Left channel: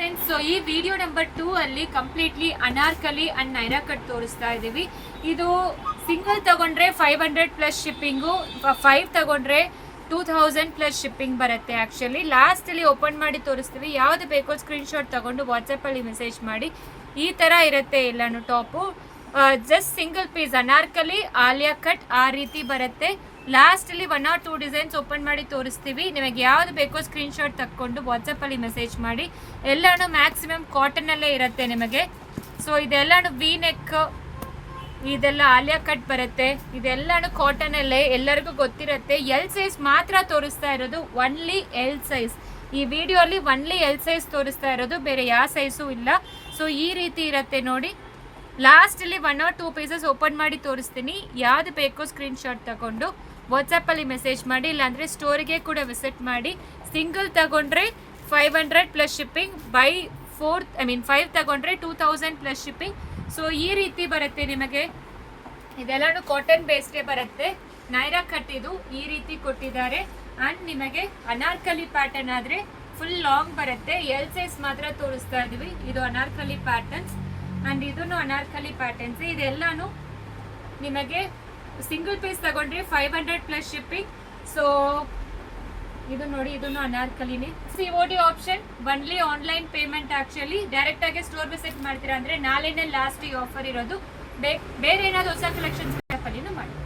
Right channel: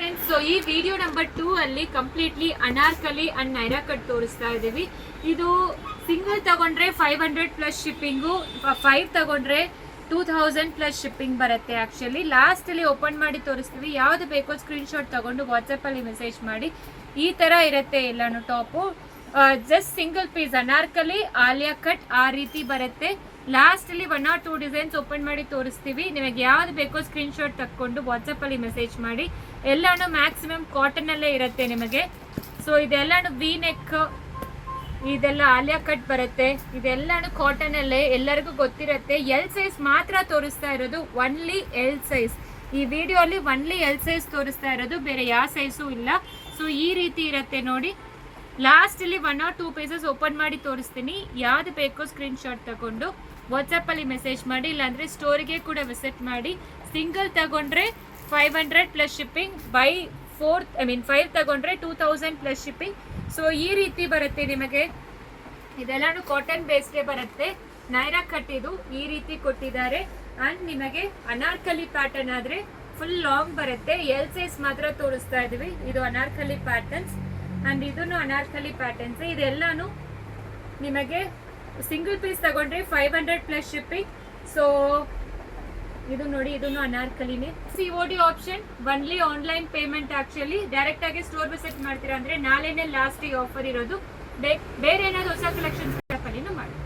Friends, so ಈ video number 2 ಅಲ್ಲಿ completely Anarkali and Naira cut ತೋರಿಸ್ತಾ ಇದ್ದೀವಿ. ಇದು ಸಿಂಗಲ್ ತಗೊಂಡ್ರೆ 500 ಪ್ಲಸ್ ಶಿಪ್ಪಿಂಗು, 5 ತಗೊಂಡ್ರೆ 2000 ಪ್ಲಸ್ ಶಿಪ್ಪಿಂಗ್ ಬರುತ್ತೆ. ಆ್ಯಕ್ಚುಲಿ ಲಾಸ್ಟಲ್ಲಿ ಓಪನ್ ಮಾಡಿ ತೋರಿಸ್ತೀವಿ. ಯಾವುದು ಬೇಕೋ ಸ್ಕ್ರೀನ್ಶಾಟ್ ತಗೊಂಡು ವಾಟ್ಸಪ್ಪಲ್ಲಿ ಮೆಸೇಜ್ ಮಾಡಿ. ಈ ಥರ ಇರುತ್ತೆ ಎಲ್ಲಾನು top. Just single piece anarkali Alia cut ಆ ರೀತಿ ಬರುತ್ತೆ. ಲಾಸ್ಟಲ್ಲಿ 1 or 2 ಡಿಸೈನ್ಸ್ ಓಪನ್ ಮಾಡಿ ತೋರಿಸ್ತೀವಿ. ನಿಮಗೆ ಯಾವ್ದು ಬೇಕೋ ಸ್ಕ್ರೀನ್ಶಾಟ್ ತಕ್ಕೊಂಡು ವಾಟ್ಸಪ್ಪಲ್ಲಿ ಮೆಸೇಜ್ ಮಾಡಿ. ಎಲ್ಲಾನು ಮ್ಯಾಕ್ಸಿಮಮ್ ಕಾಟನಲ್ಲೇ ಇರುತ್ತೆ ನಿಮಗೆ. ಸೊ ಇದೆಲ್ಲಾನು ವಿ ನೆಕ್, ಇದೆಲ್ಲ ಆಲಿಯಾ ಕಟ್ ಬರುತ್ತೆ. ಇದೆಲ್ಲಾನು ಕಾಟನಲ್ಲೇ, ಎಲ್ಲರಿಗೂ ಗೊತ್ತಿರುತ್ತೆ. ಎಲ್ ಸೈಜ್ ಮಾತ್ರ ತೋರಿಸ್ತಾ ಇರೋದು, ಒನ್ಲಿ ಎಲ್ ಸೈಜ್. ಈ ವಿಡಿಯೋ ಅಲ್ಲಿ ಒನ್ಲಿ ಎಲ್ ಸೈಜ್ ತೋರಿಸ್ತಾ ಇರೋದು, ಬೇರೆ ಯಾವ ಸೈಜು ಇಲ್ಲ. ಸೊ ಈ ರೀತಿ ಇರುತ್ತೆ ನೋಡಿ. ಲಾಸ್ಟಲ್ಲಿ 1 or 2 ಪೀಸಸ್ ಓಪನ್ ಮಾಡಿ ತೋರಿಸ್ತೀನಿ. ಯಾವ್ದು ಬೇಕೋ ಸ್ಕ್ರೀನ್ಶಾಟ್ ತಗೊಂಡು ವಾಟ್ಸಪ್ಪಲ್ಲಿ ಮೆಸೇಜ್ ಮಾಡಿ, ಇಲ್ಲಾಂದರೆ ಸ್ಟೋರಿಗೆ ಕೂಡ ವಿಸಿಟ್ ಮಾಡಿ. ಸಿಂಗಲ್ ತಗೊಂಡ್ರೆ 500 ಪ್ಲಸ್ ಶಿಪ್ಪಿಂಗ್, 5 ತಗೊಂಡ್ರೆ 2000 ಪ್ಲಸ್ ಶಿಪ್ಪಿಂಗ್. ಸೊ ಈ ರೀತಿ ಬರುತ್ತೆ ನಿಮಗೆ. ಇದೆಲ್ಲಾನು ಕಾಟನ್ ಬೇಸ್ಗೆ ಬರುತ್ತೆ. ನೈರಾ ಕಟ್ ಇದು ಈ ರೀತಿ ಕೊಟ್ಟಿದ್ದಾರೆ. ಆ್ಯಂಡ್ ನಿಮಗೆ ಅನಾರ್ಕಲಿ ಪ್ಯಾಟರ್ನ್ ಆದರೆ ಫುಲ್ ಲಾಂಗ್ ಬರುತ್ತೆ. ಎಲ್ ಸೈಜ್ ಮಾತ್ರ ತೋರಿಸ್ತಾ ಇದ್ದೀವಿ. ಇದು ಅನಾರ್ಕಲಿ ಪ್ಯಾಟರ್ನ್ಸ್ ಆ್ಯಂಡ್ ಇದನ್ನು ಅನಾರ್ಕಲಿ ಪ್ಯಾಟರ್ನ್ಸ್. ಇದೆಲ್ಲಾನು ನಿಮಗೆ ಸಿಂಗಲ್ ಪೀಸ್ ತಗೊಂಡ್ರೆ 500 ಪ್ಲಸ್ ಶಿಪ್ಪಿಂಗ್. ಸೊ ಇದು ನೋಡಿ, ಇದನ್ನು ಅನಾರ್ಕಲಿನೇ. COD option, only online payment. Actually ಡೈರೆಕ್ಟಾಗಿ ಸ್ಟೋರ್ ವಿಸಿಟ್ ಮಾಡ್ತೀರಾ ಅಂದರೆ ನಾಳೆನೇ ಲಾಸ್ಟ್ ಈ ಆಫರ್ ಇರೋದು. ಬೇರೆ ಏನಾದರೂ ಹೊಸ ಕಲೆಕ್ಷನ್ಸ್ ಮಾಡಿ.